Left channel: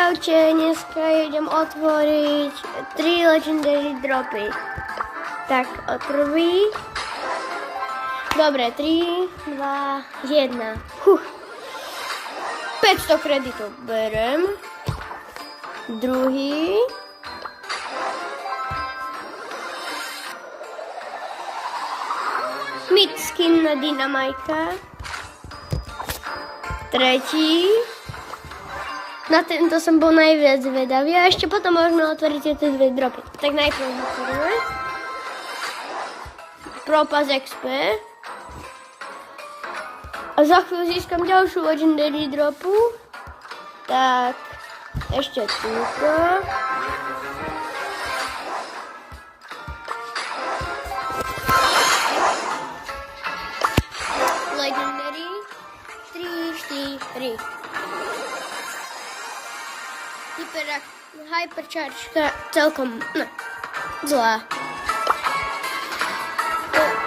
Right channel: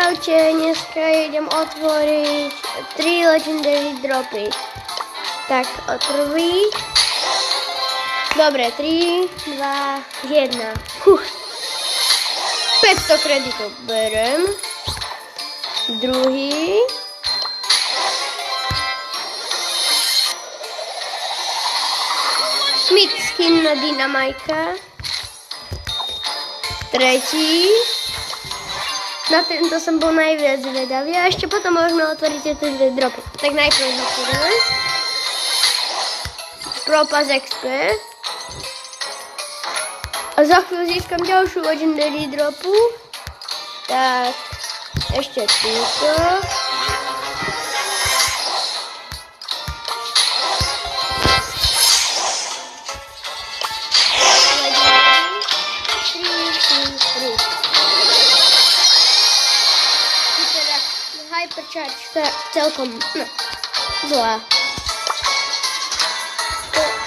Čaute, dneska idem otvoriť 3 legendary dropy. Tak, prvý. Dobre, 3, 2, 1. 500 kreditov berem. Druhý. Myth skin na Dynamajka. Tretí. Na tento som bol najviac zvedavý a ešte potom môžeme otvoriť tieto dve dropy. Tak najprv otvoríme. Propas XP. A za chvíľu získam ďalšiu legendary dropu. Tak, ešte túto. Legendary 3. Teda hypercharge celkom zlá.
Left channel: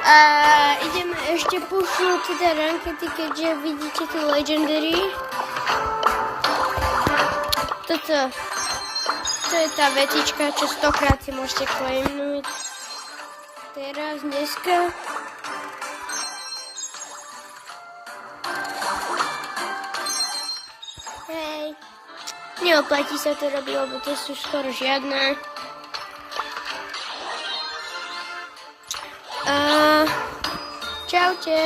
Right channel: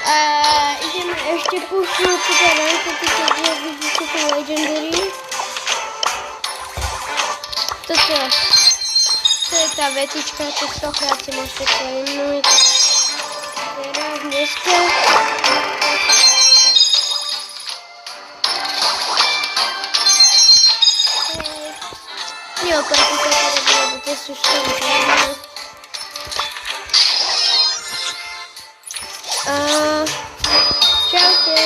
A ideme ešte pušnúť teda rankety, keďže vidíte tu legendary. To je tá vetička, čo 100-krát si môžete claimnúť. Teraz dneska. Neoplatí sa to robiť, lebo to sú skoro žiadne. Čaute.